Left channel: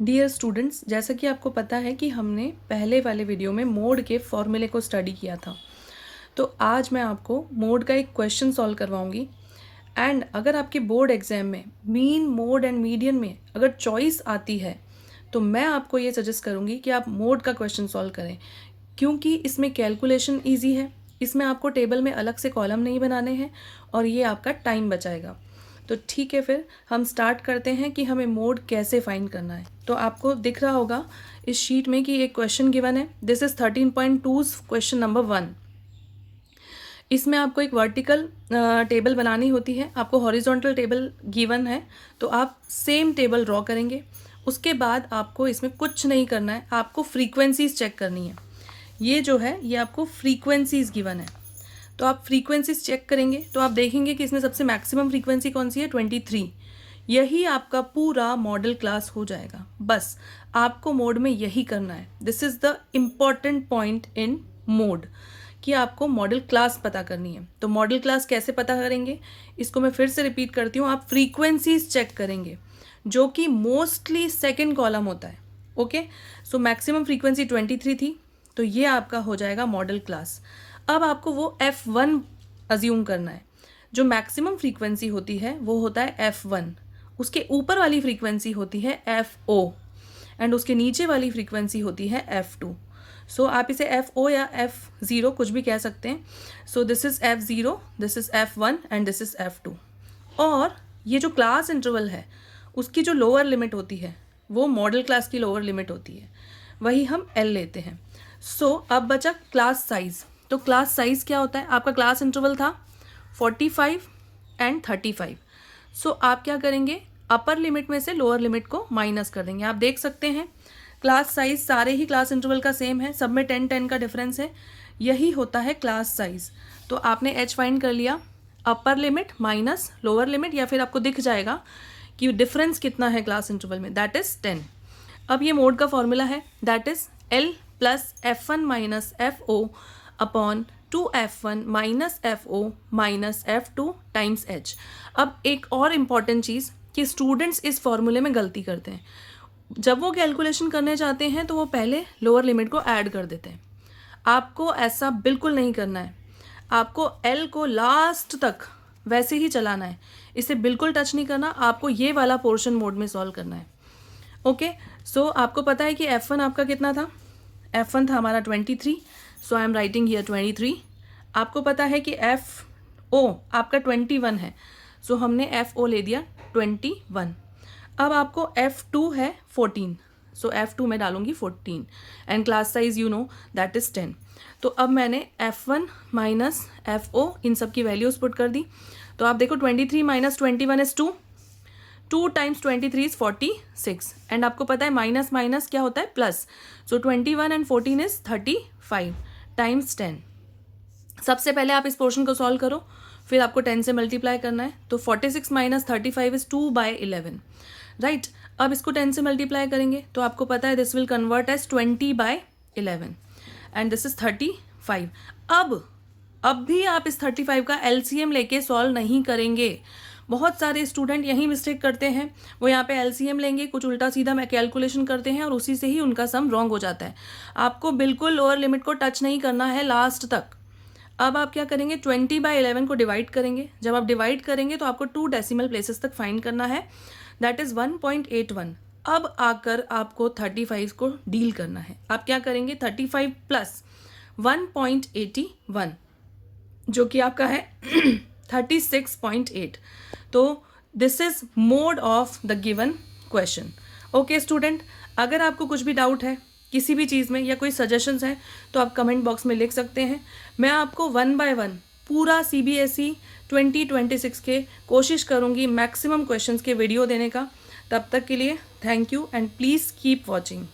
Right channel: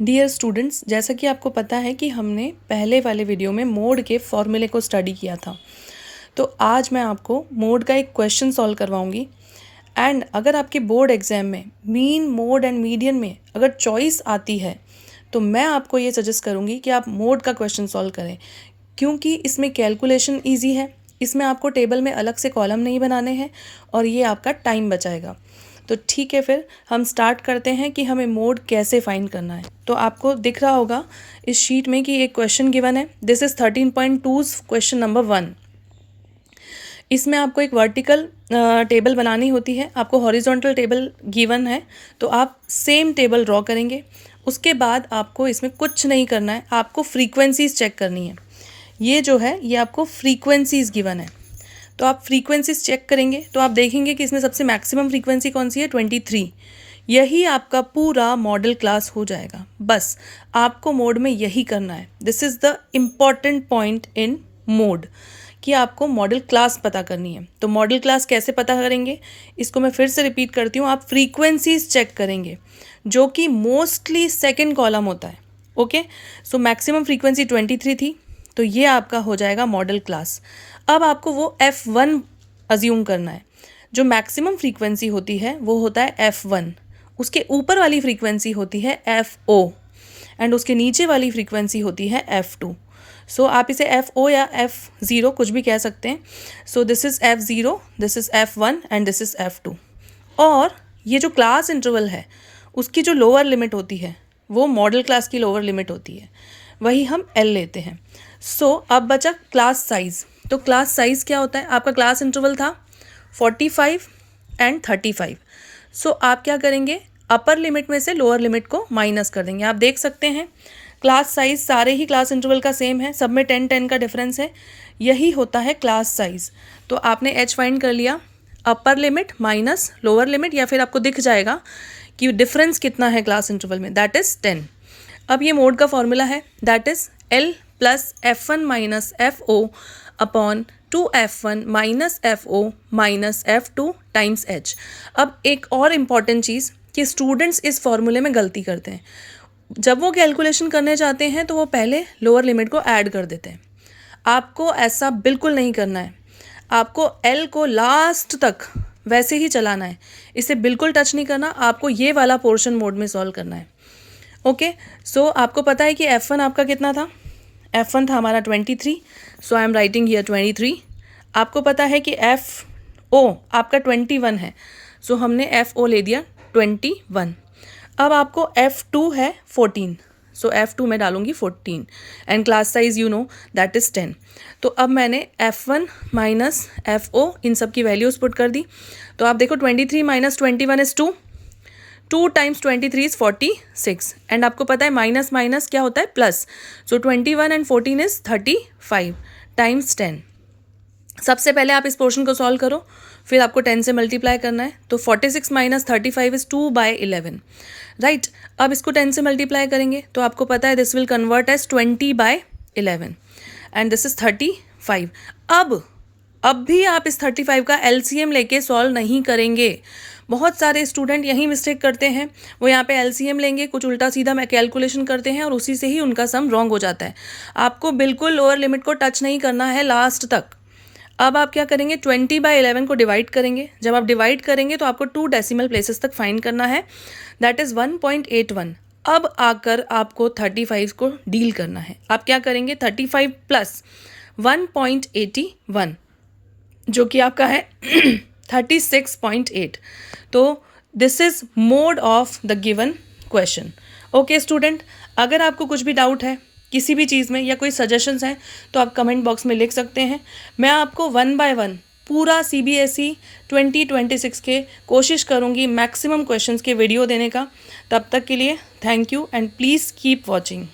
Dear students, जैसा कि आपको पता है कि हमने पहले वाले वीडियो में मोड के फॉर्मूले को स्टडी किया था, तो आज मैं आपको मोड का एक क्वेश्चन सॉल्व करवाऊंगी। एंड अगर आपके बोर्ड एग्जाम में मीन, मोड एंड मीडियन में अगर चॉइस आती है तो मैं आपको ये सजेस्ट करूँगी कि आप मोड का क्वेश्चन सॉल्व करें, क्योंकि इसमें कैलकुलेशन ईजी है, इसमें आपको टेबल में अलग से कॉलम नहीं बनाने हैं और ये आपका टाइम बचाएगा। तो ठीक है, फिर हम स्टार्ट करते हैं कि हमें मोड कैसे फाइंड करना है। तो आपको दिख रहा होगा इस शीट में कि एक क्वेश्चन गिवन है। This is 13.2 question number 1। इसमें आपको एक वर्टिकल टेबल बनानी होती है, आपको हॉरिजॉन्टल टेबल गिवन है तो आप सेम टेबल ड्रॉ करेंगे। उसके बाद आपको इसमें कुछ नहीं करना है, आपको फ्रीक्वेंसीज चेक करनी है। ये जो है ये आपको फ्रीक्वेंसीज गिवन है, तो आप फ्रीक्वेंसीज चेक करेंगे तो आप देखेंगे कि इसमें सबसे मैक्सिमम फ्रीक्वेंसी कौन सी है, 23। यही आपका पूरा मॉडल क्लास हो जाएगा। बस आपको मोड में यही करना है। This is the important point in mode कि आपको मॉडल क्लास पता करनी है। तो मॉडल क्लास कैसे पता करेंगे, इसको मैं फिर से रिपीट करती हूँ। आप फ्रीक्वेंसीज चेक करेंगे जो कि मोस्टली सेकेंड कॉलम होता है। ओके, सो मैक्सिमम फ्रीक्वेंसी 23 थी, तो ये आपका हो जाएगा मॉडल क्लास। अब आपको वो F1 अज्यूम करना है। जो मैक्सिमम फ्रीक्वेंसी होती है वो होता है F1, उसके ऊपर वाली फ्रीक्वेंसी होती है FO एंड उसके नीचे वाली फ्रीक्वेंसी होती है F2। सो आप इसे FO या F0 कुछ भी कह सकते हैं। So this is F0, this is F1 and this is F2। और ये जो क्लास इंटरवल है उसकी जो लोअर लिमिट होती है वो मॉडल क्लास की लोअर लिमिट होती है, वही हम L लेते हैं। सो अब बचा क्लास साइज़। तो क्लास साइज़ क्या होता है, आपका क्लास इंटरवल था 45 एंड 35। सो आप क्या करेंगे, अपर लिमिट में से लोअर लिमिट को माइनस कर देंगे। आप देख सकते हैं क्लास साइज़ सारे ही क्लास इंटरवल का सेम है, सब में 10-10 का डिफरेंस है। यही होता है क्लास साइज़। तो आपने H फाइंड कर लिया, upper limit minus lower limit, या फिर आपको दिख जाएगा कि डिफरेंस कितना है क्लास इंटरवल में, दैट इज़ 10। अब ये मोड का फॉर्मूला है, that is L plus F1 minus FO upon 2F1 minus FO minus F2 times H। अब एक और इम्पॉर्टेंट चीज़ कि स्टूडेंट्स इस फॉर्मूले में गलती करते हैं। जब वो कैलकुलेशन करने चाहते हैं तो वो पहले लोअर लिमिट को ऐड कर देते हैं। आपको ऐसा बिल्कुल नहीं करना है, आपको L को लास्ट तक वैसे ही चलाना है, इसे बिल्कुल टच नहीं करना। आपको ये वाला पोर्शन मोड में सॉल्व करना है। ओके, सो आपको पता है कि F1 आपका कितना था, F1 था हमारा 23। सो आई एम राइटिंग हियर 23। आपको पता है कि FO आपका 21 है, सो हमने FO ले दिया 21। अब आपको F2 है 14, सो F2 में डालूंगी 14 and class size you know that is 10। तो अब मैंने F1 माइनस FO इन सब की वैल्यूज़ पुट कर दी। तो आप देखो 23 minus 21 is 2, 2 times 23 is 46 and आपको पता है माइनस माइनस क्या होता है, plus. So 21 and 14 is 35 times 10। सबसे पहले आप इस पोर्शन को सॉल्व करो, फिर आपको 10 से मल्टीप्लाई करना है। तो 46 माइनस 35 इज़ 2/11, राइट। अब इसको 10 से मल्टीप्लाई करेंगे तो आपको पता है this will convert as 20/11 and this is 35। अब भी आप इस 35 का LCM लेके सॉल्व नहीं करेंगे। बहुत सारे स्टूडेंट यही मिस्टेक करते हैं, वो यहाँ पे LCM लेंगे, कुछ उल्टा सीधा मैं कैलकुलेशन करते हैं और उसी से ही उनका सम रॉन्ग हो जाता है। आपको बिल्कुल लोअर लिमिट को टच नहीं करना है लास्ट तक। अब आप क्या करेंगे, 20/11 को डिवाइड करेंगे। जब आप डिवाइड करेंगे तो आपको 2 डेसिमल प्लेसेस तक फाइंड करना है, दैट इज़ 1.81। अब आकर आपको 35 को डील करना है। आप क्या करेंगे, 35 प्लस 1.81 जो कि आपका है 36.8। तो this is mode of the given question. Okay student, अगर आपको कुछ भी डाउट है किसी भी चीज़ में या कोई सजेशंस हैं तो आप कमेंट बॉक्स में लिख सकते हैं। मैं आपको 1 बाय 1 पूरा CBSE 2026 के कोशिश करूँगी मैक्सिमम क्वेश्चंस के वीडियो देने का। तब तक के लिए thank you and please keep watching.